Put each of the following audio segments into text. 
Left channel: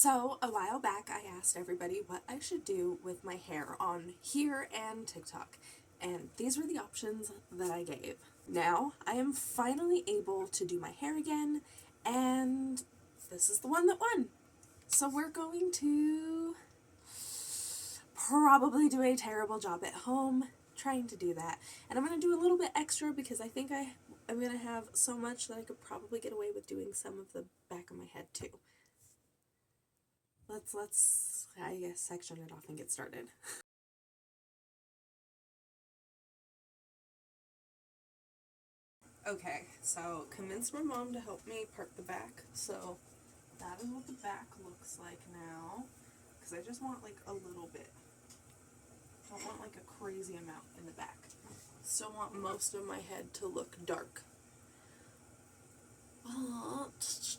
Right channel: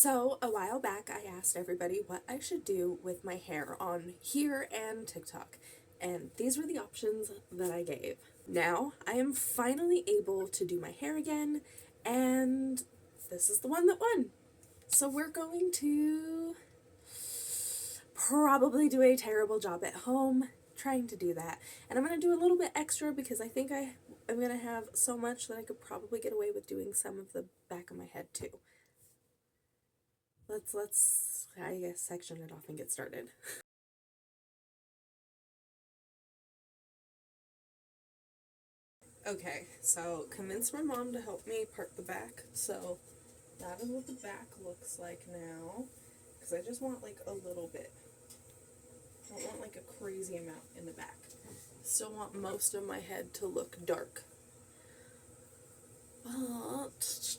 So, a while back, I asked everybody what I should do with my hair on here and TikTok, and these were the options that I gave. Now, I am finally able to do my hair again, and this is the one that won. So, we're going to probably do a terrible job at home trying to do that, and I'm going to do a little bit extra because I think I'm going to have so much that I could probably get away with doing some of the back of my head too. Let's I guess section it off and get started. Okay, so convinced my mom to help me part the back. So that is what the back looks like now. Because I just want like a little bit. I don't want like a crazy amount in the back. Still want most of my head to look dark. But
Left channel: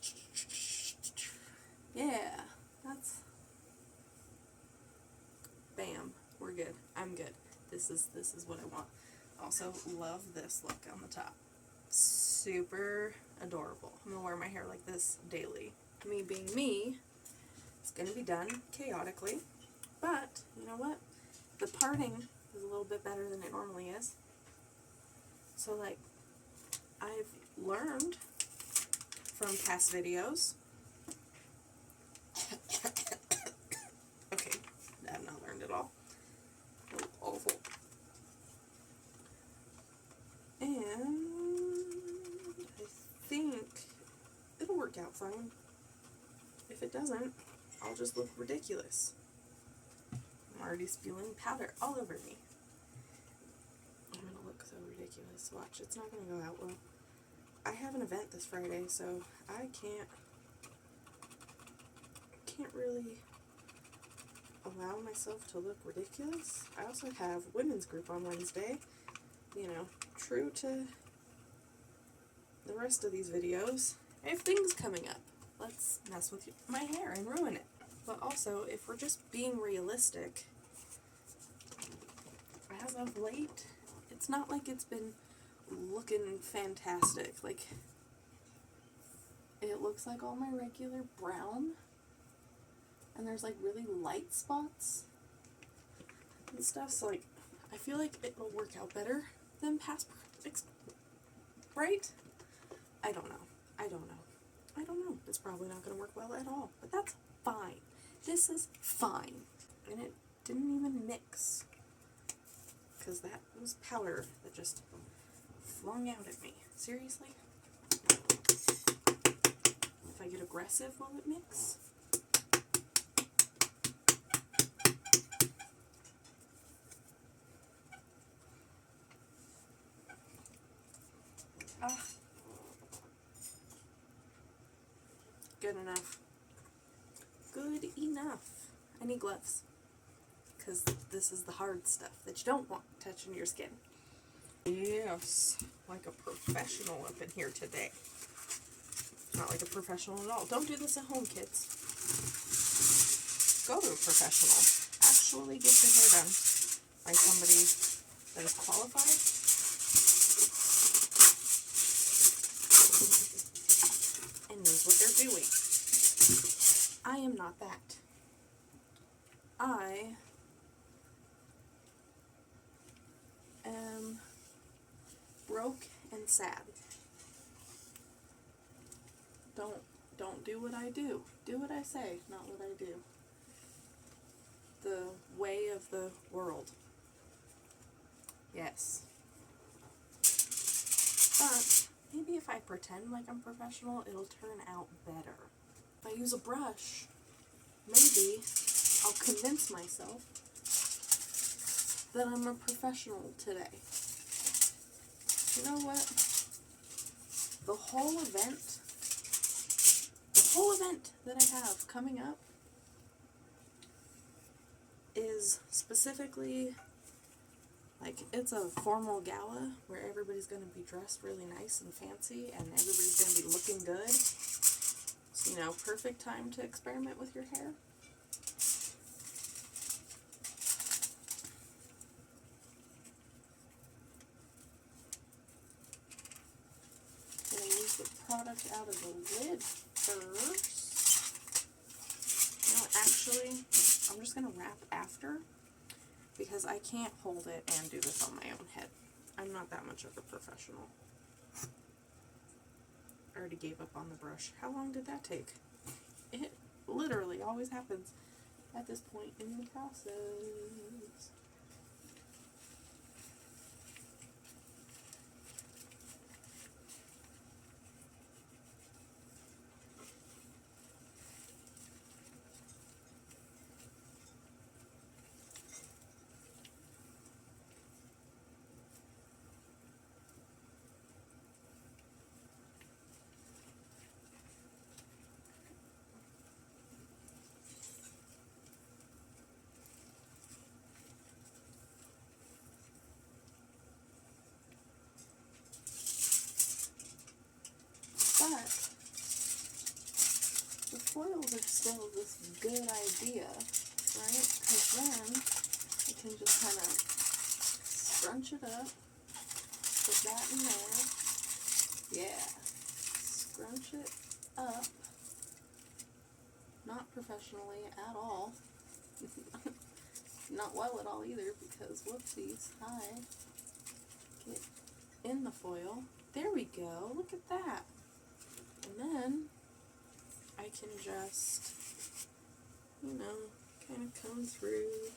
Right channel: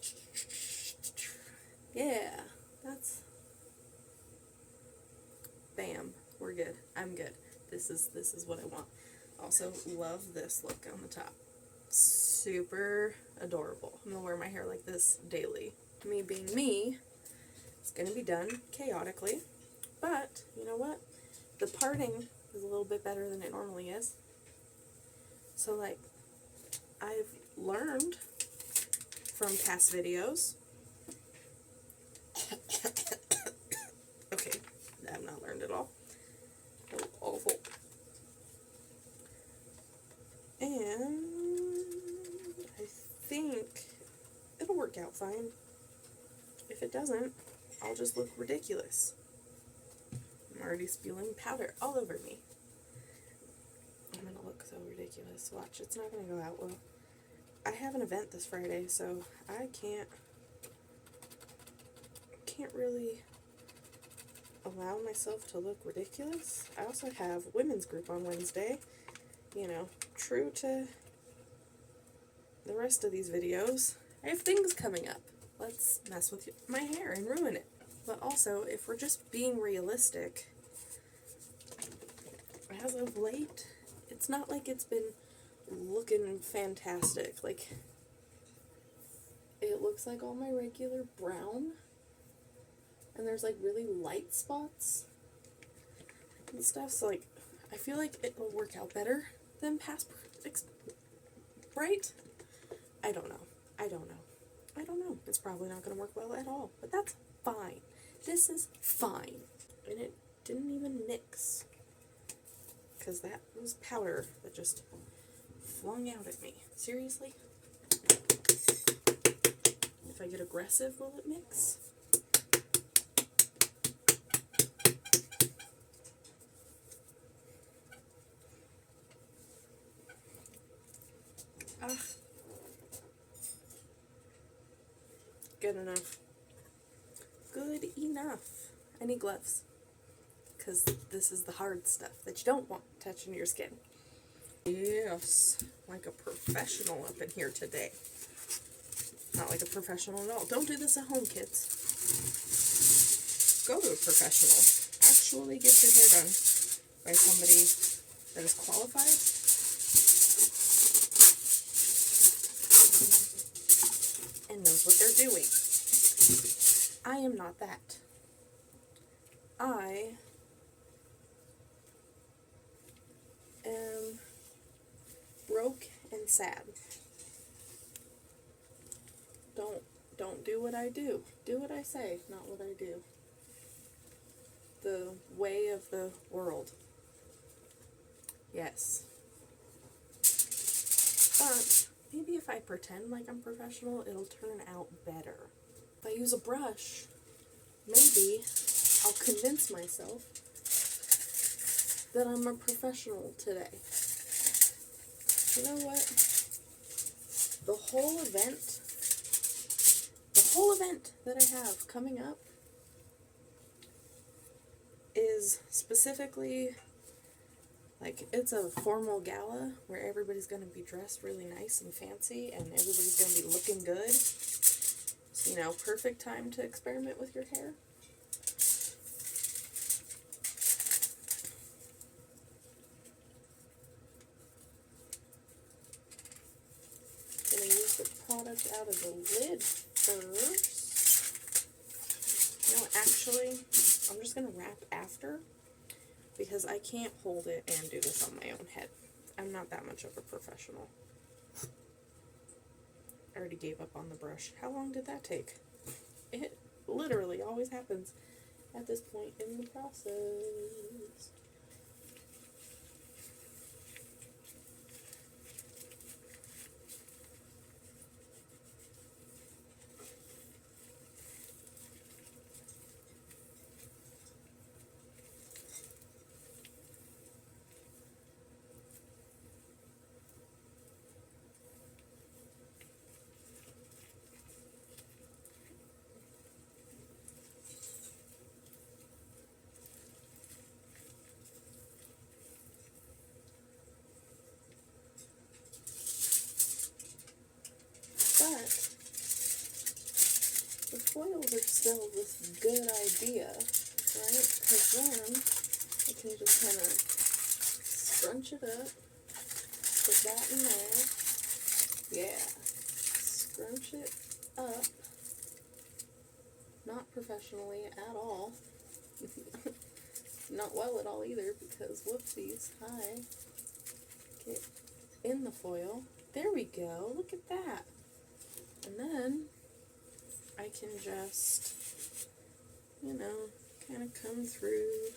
yeah, that's bam. We're good. I'm good. This is what I want. Also love this look on the top. Super adorable. I'm gonna wear my hair like this daily. Me being me, it's gonna be done chaotically, but you know what? The parting is a little bit better than it normally is. So like, I've learned from past videos. Okay, I've not learned at all. Awful. And I think it'll work out fine. If it doesn't, I'll just look ridiculous. I'm already spewing powder all over me. I'm gonna look so ridiculous. Watch, it's not gonna go out well. I have an event this Friday, so I can't really allow myself to look ridiculous. I also have women's group on Wednesday. You know, true to the rest of these videos, I have things coming up. Let's mess with my hair and ruin it. But also, if we're just being realistic, as of late, it's not like it's been looking fantastic. Like, it looks like all my regular brown, and there's like really light spots and stuff, so like, I feel like it'll work out better than past right? I don't know. It's probably not going to work well at all, but that's fine. This is fine. And it didn't even mix, because that was powder that just flung out at me. Seriously? If I get aggressive, will it mix? Good enough. Good enough. I need gloves, because this is the hard stuff that you don't want touching your skin. Yes, like a professional up in here today. Not like a professional at all. Don't do this at home, kids. Go to a professional. Actually get your hair done by somebody that is qualified and knows what they're doing. I am not that. I am broke and sad. Don't do what I do. Do what I say, not what I do. The way of the world. Yes. But maybe if I pretend like I'm professional, it'll turn out better. If I use a brush, maybe I'll convince myself that I'm a professional today. You know what? The whole event that I have coming up is specifically, like, it's a formal gala where everybody's going to be dressed really nice and fancy and everybody's going to be looking good. So, you know, perfect time to experiment with your hair. Gonna use the product out of the lid first. actually, I'm just going to wrap after because I can't hold it and do this on my own head. I'm not that much of a professional. I already gave up on the brush. How long did that take? It literally always happens at this point in the process. But the foils are still this good idea, right? Because then you can just kind of scrunch it up, put that in there. Yeah, scrunch it up. Not professionally at all. Not well at all either, because whoopsies. Hi. Get in the foil. There we go. Look at that. And then I can just, you know, kind of come through,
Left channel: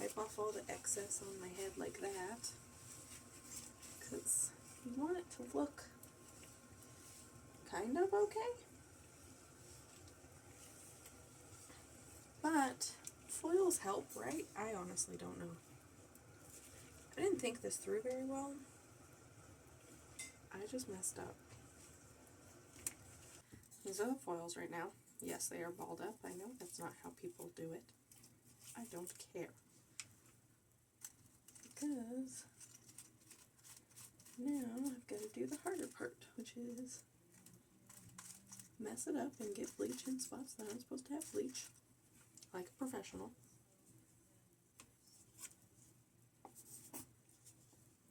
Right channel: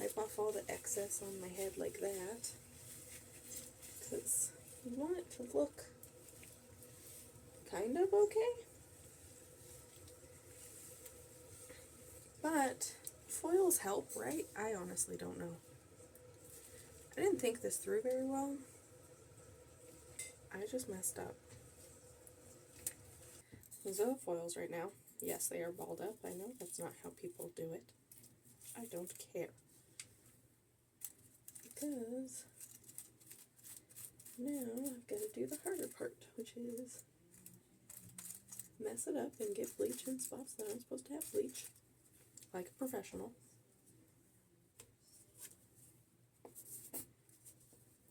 wipe off all the excess on my head like that, because you want it to look kind of okay. But foils help, right? I honestly don't know. I didn't think this through very well. I just messed up. These are the foils right now. Yes, they are balled up. I know that's not how people do it. I don't care. Because now I've got to do the harder part, which is mess it up and get bleach in spots that aren't supposed to have bleach, like a professional.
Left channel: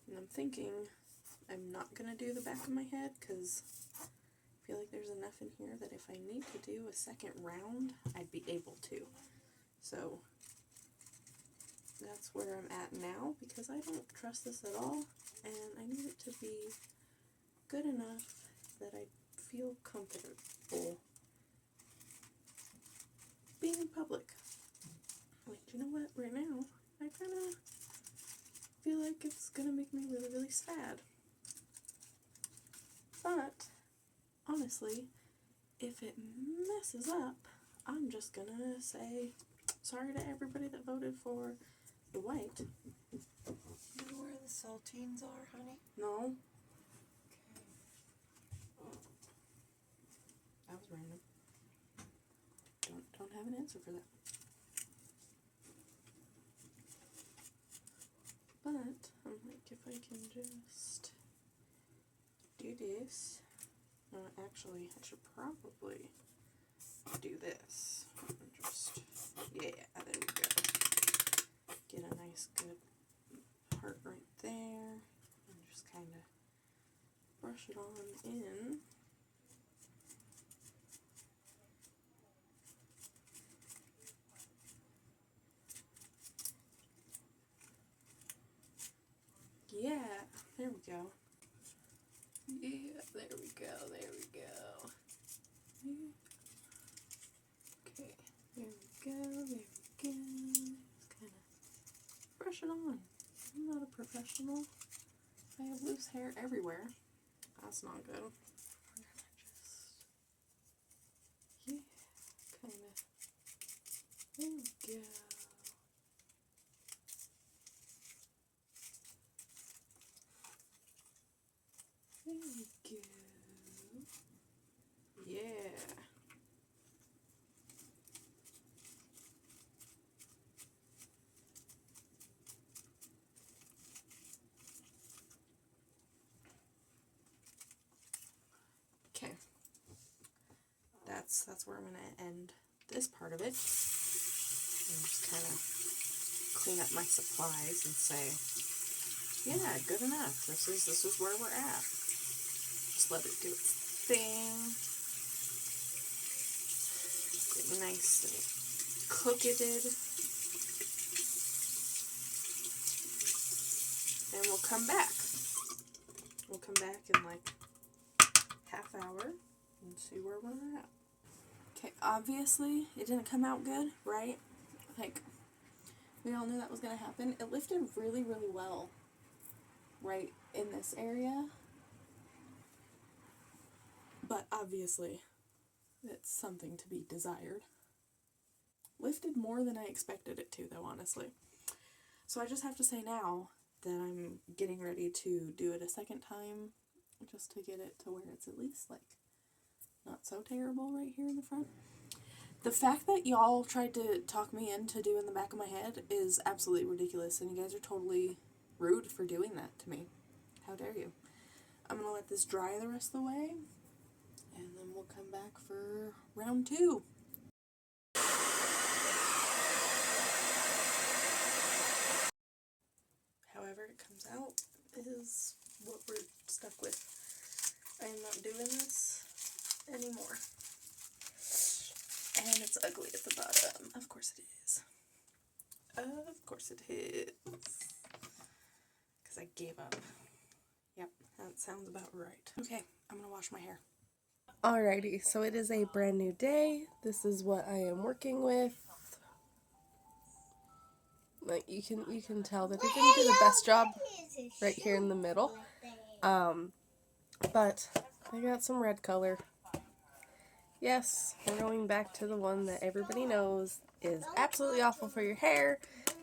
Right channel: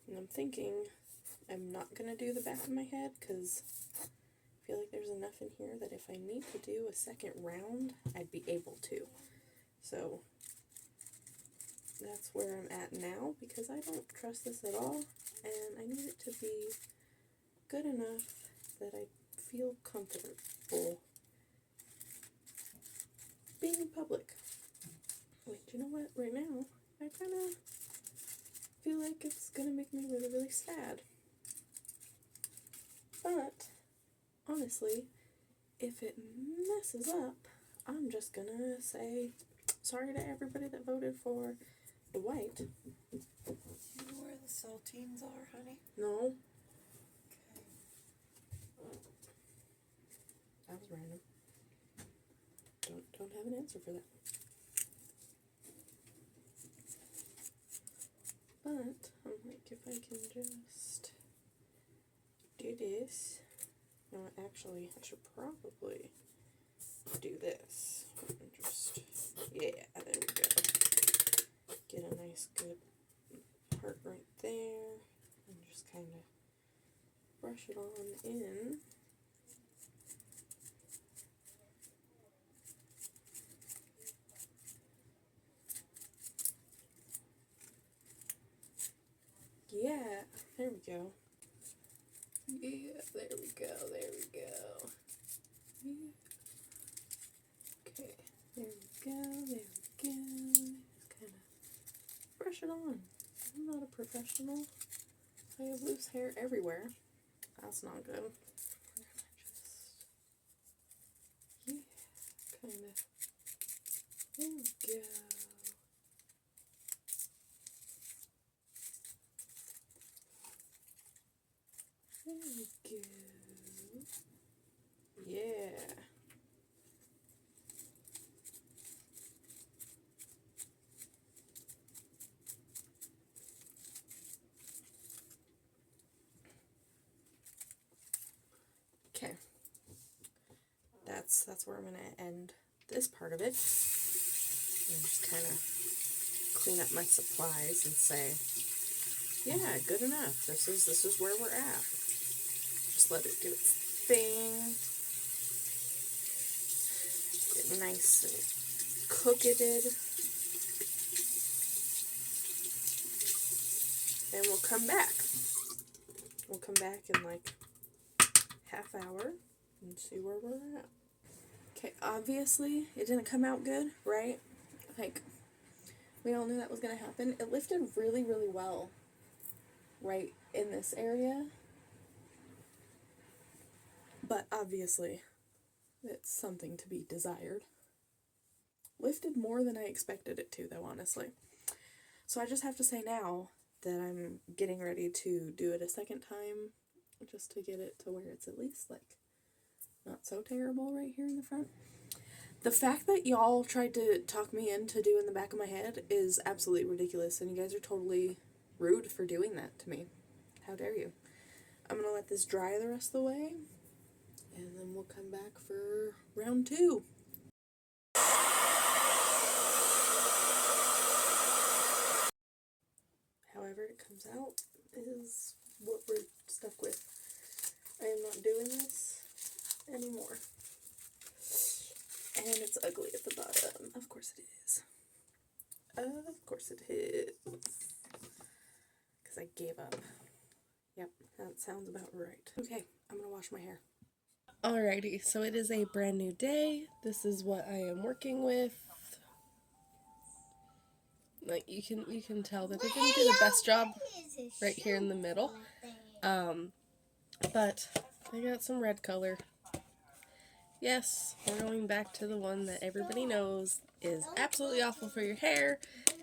And I'm thinking I'm not going to do the back of my head because I feel like there's enough in here that if I need to do a second round, I'd be able to. So that's where I'm at now, because I don't trust this at all, and I need it to be good enough that I feel comfortable being in public. Wait, you know what? Right now, I kind of feel like it's going to make me really, really sad. But honestly, if it messes up, I'm just gonna say sorry to everybody that voted for the white. Do you know where the saltines are, honey? No. Okay. That was random. Don't have an answer for that. But I'm like, if I can just do this. No, actually, I should probably do this. And just, yeah, there we go. Get a nice good part right there. And just kind of brush it on in. Yeah, there we go. Yeah, there we go, there we go. Yeah. Okay, there we go, there we go. Just kind of brush it on. I'm not a professional. I have loose hair everywhere. That's not good. Yeah, kind of. There we go. There we go. Yeah. Okay. That's where I'm gonna end this part of it. And just kind of clean up my supplies and say, yeah, good enough. This is where we're at. Just let it do its thing. Get nice and cooketed. And we'll come back. We'll come back in like half hour and see where we're at. Okay, obviously it didn't come out good, right? Like, we all knew that was going to happen. It lifted really, really well right in this area. But obviously, it's something to be desired. Lifted more than I expected it to, though, honestly. So I just have to say now that I'm getting ready to do it a second time, just to get it to where it's at least, like, not so terrible right here in the front. The fact that y'all tried to talk me into doing the back of my head is absolutely ridiculous, and you guys are totally rude for doing that to me. How dare you? I'm gonna let this dry the rest of the way, and then we'll come back for round 2. However it comes out is what we're stuck with. I am not doing this anymore. And it's ugly at the bottom. Of course it is. Of course it is. Because I gave up. Yep, that sounds about right. Okay, I'm gonna wash my hair. Alrighty, so it is a brand new day. This is what I am working with. Like, you can tell that I didn't do the best job right here in the middle. But I got some red color. Yes, we're going back to the one that everybody knows is absolutely awful for your hair,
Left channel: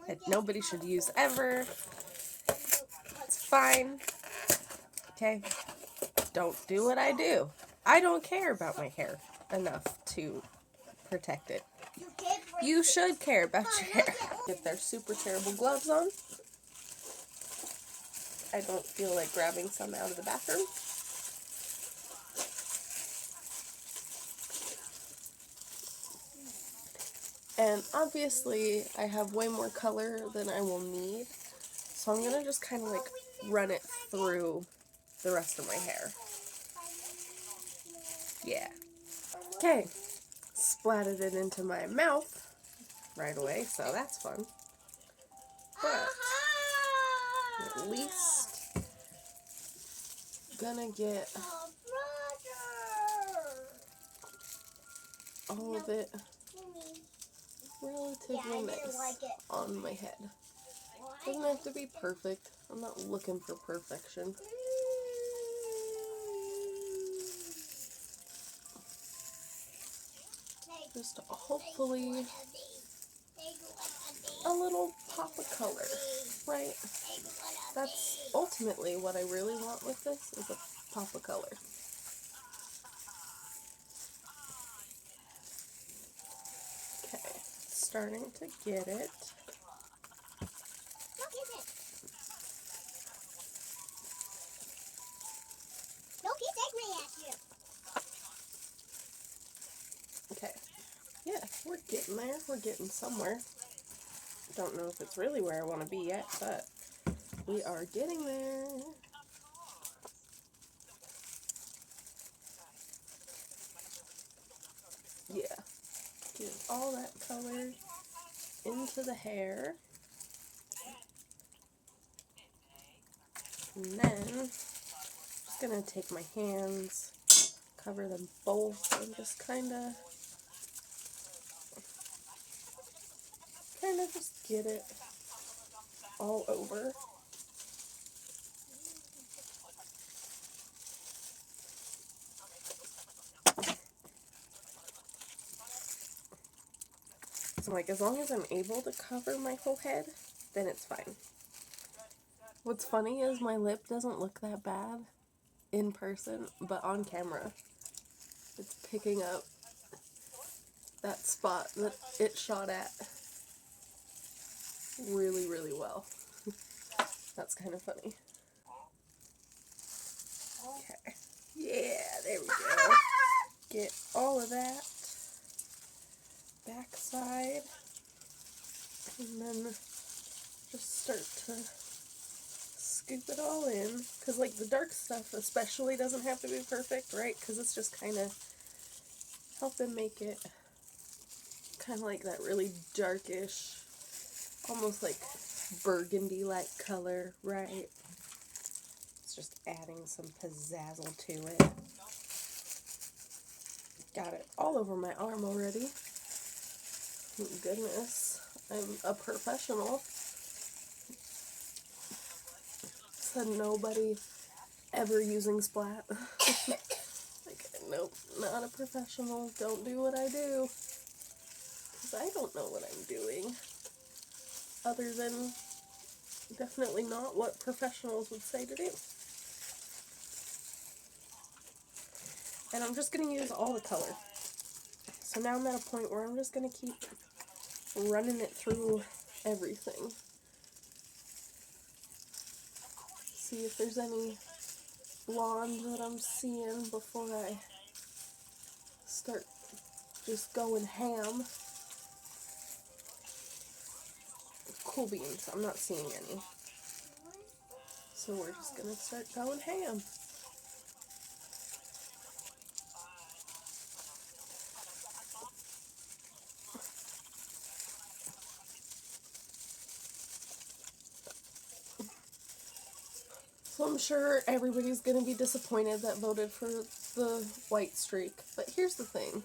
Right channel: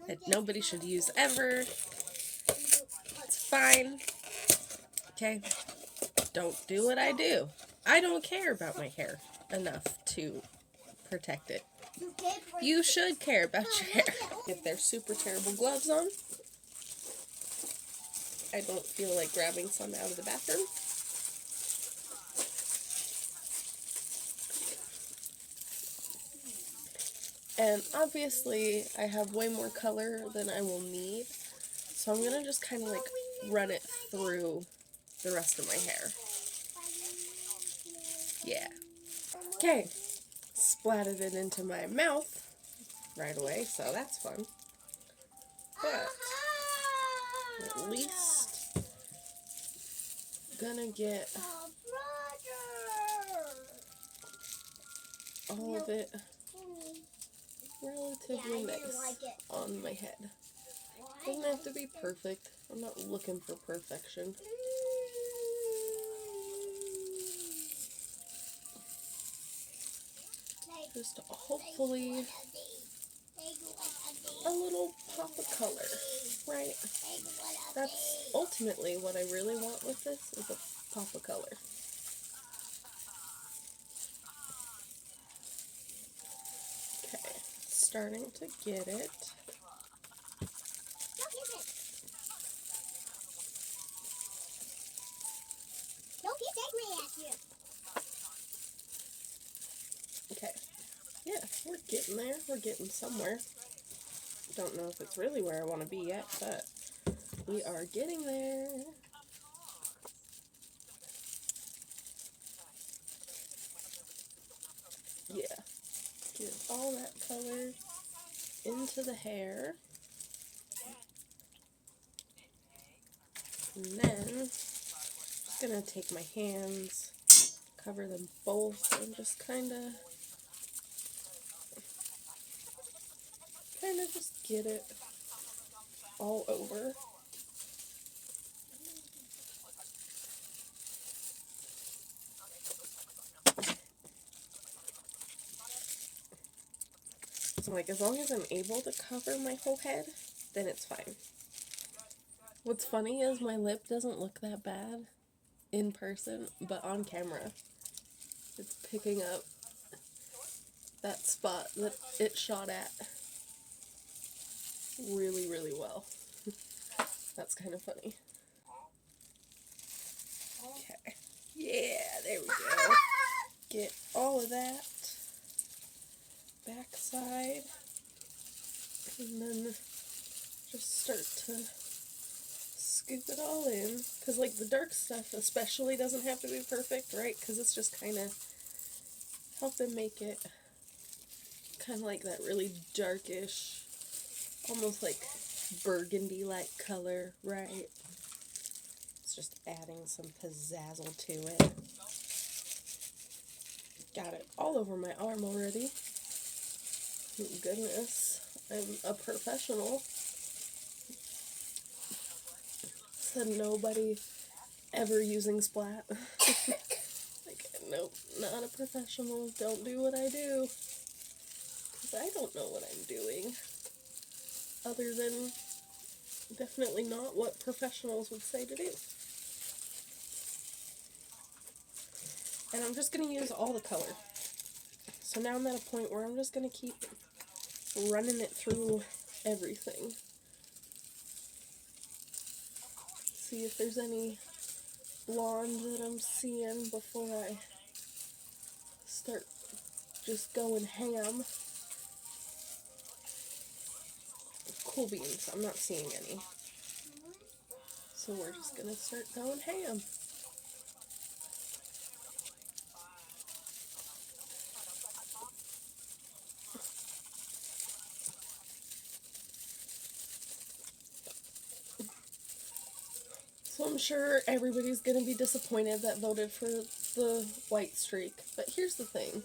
that nobody should use ever. It's fine. Okay? Don't do what I do. I don't care about my hair enough to protect it. You should care about your hair. If there's super terrible gloves on, I don't feel like grabbing some out of the bathroom. And obviously, I have way more color than I will need, so I'm gonna just kind of like run it through the rest of my hair. Yeah. Okay. Splatted it into my mouth right away, so that's fun. But at least gonna get all of it relatively nice on my head. Doesn't have to be perfect. I'm not looking for perfection. Just hopefully a little pop of color, right? That's ultimately what I really want with this, is a pop of color. Okay, starting to get it. Okay, yeah, we're getting there. We're getting somewhere. Don't know if it's really where I want to be yet, but we are getting there. Yeah, get all that color into the hair. And then I'm just gonna take my hands, cover them both, and just kind of just get it all over. So, like, as long as I'm able to cover my whole head, then it's fine. What's funny is my lip doesn't look that bad in person, but on camera, it's picking up that spot that it shot at really, really well. That's kind of funny. Okay. Yeah, there we go. Get all of that backside, and then just start to scoop it all in, because like the dark stuff especially doesn't have to be perfect, right? Because it's just kind of helping make it kind of like that really darkish, almost like burgundy-like color, right? It's just adding some pizzazzle to it. Got it all over my arm already. Thank goodness, I'm a professional. Said nobody ever using splat. Like, nope, not a professional. Don't do what I do. Because I don't know what I'm doing. Other than definitely not what professionals would say to do. And I'm just going to use all the color. So now I'm at a point where I'm just going to keep running it through everything. See if there's any blonde that I'm seeing before I start just going ham. Cool beans, I'm not seeing any. So we're just gonna start going ham. So I'm sure everybody's gonna be disappointed that voted for the white streak. But here's the thing.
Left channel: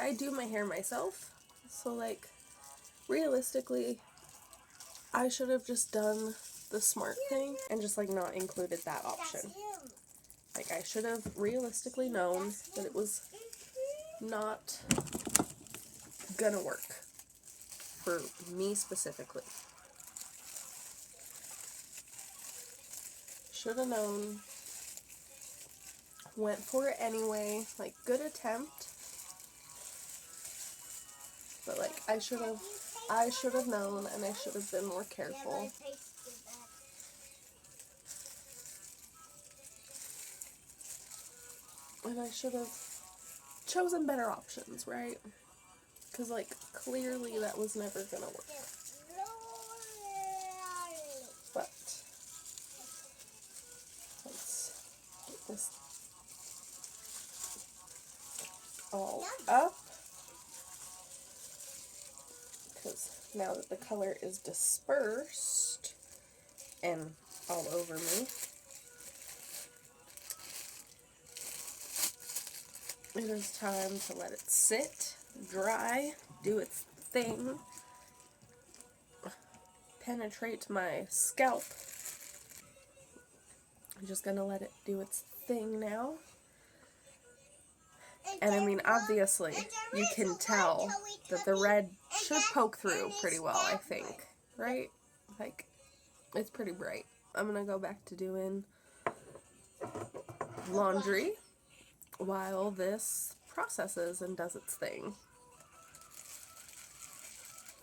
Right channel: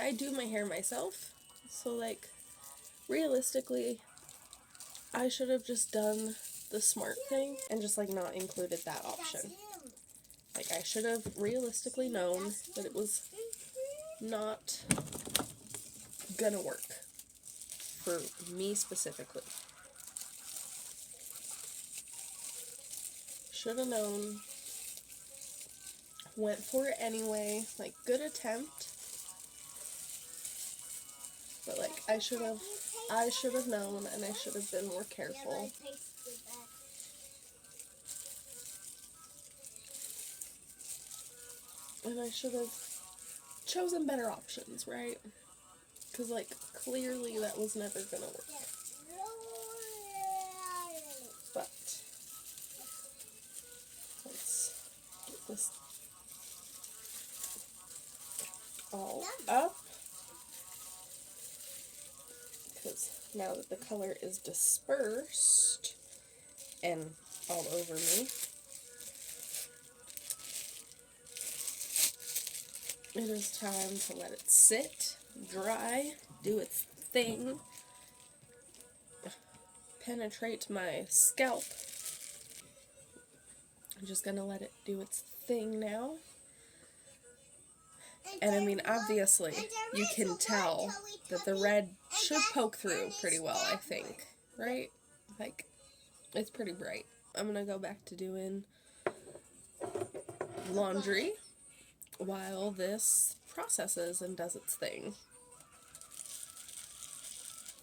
I do my hair myself. So like, realistically, I should have just done the smart thing and just like not included that option. Like, I should have realistically known that it was not gonna work for me specifically. Should have known. Went for it anyway. Like, good attempt. But like, I should have known, and I should have been more careful. And I should have chosen better options, right? Because like, clearly that was never gonna work. But let's get this all up. Because now that the color is dispersed and all over me, it is time to let it sit, dry, do its thing, penetrate my scalp. I'm just gonna let it do its thing now. And I mean, obviously, you can tell that the red should poke through pretty well, I think, right? Like, it's pretty bright. I'm gonna go back to doing laundry while this processes and does its thing.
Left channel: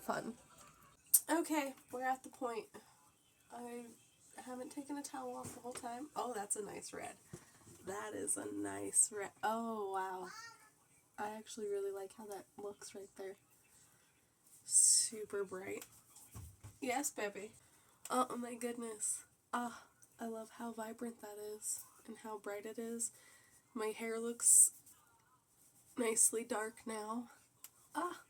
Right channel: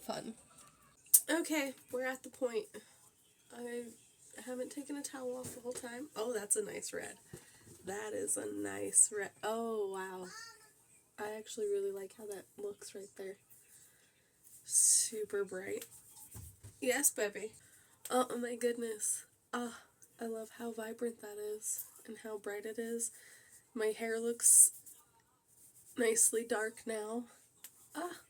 Fun. Okay, we're at the point. I haven't taken a towel off the whole time. Oh, that's a nice red. That is a nice red. Oh, wow. I actually really like how that looks right there. Super bright. Yes, baby. Oh my goodness. Ah, I love how vibrant that is and how bright it is. My hair looks nicely dark now. Ah.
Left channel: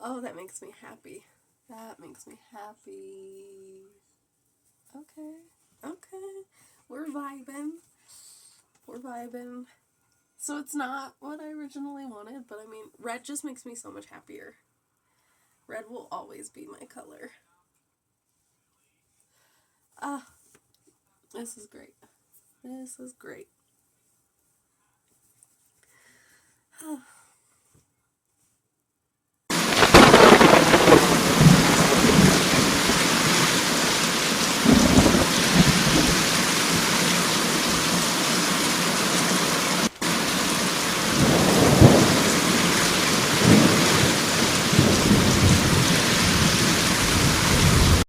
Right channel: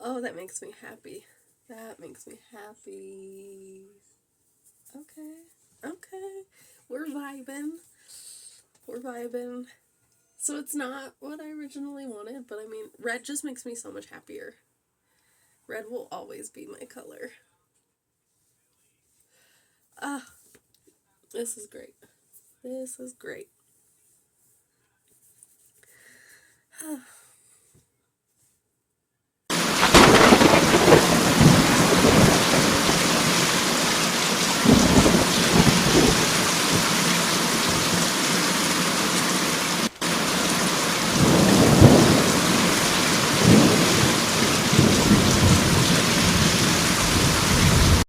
Oh, that makes me happy. That makes me happy. Okay. Okay. We're vibing. We're vibing. So it's not what I originally wanted, but I mean, red just makes me so much happier. Red will always be my color. Ah, this is great. This is great.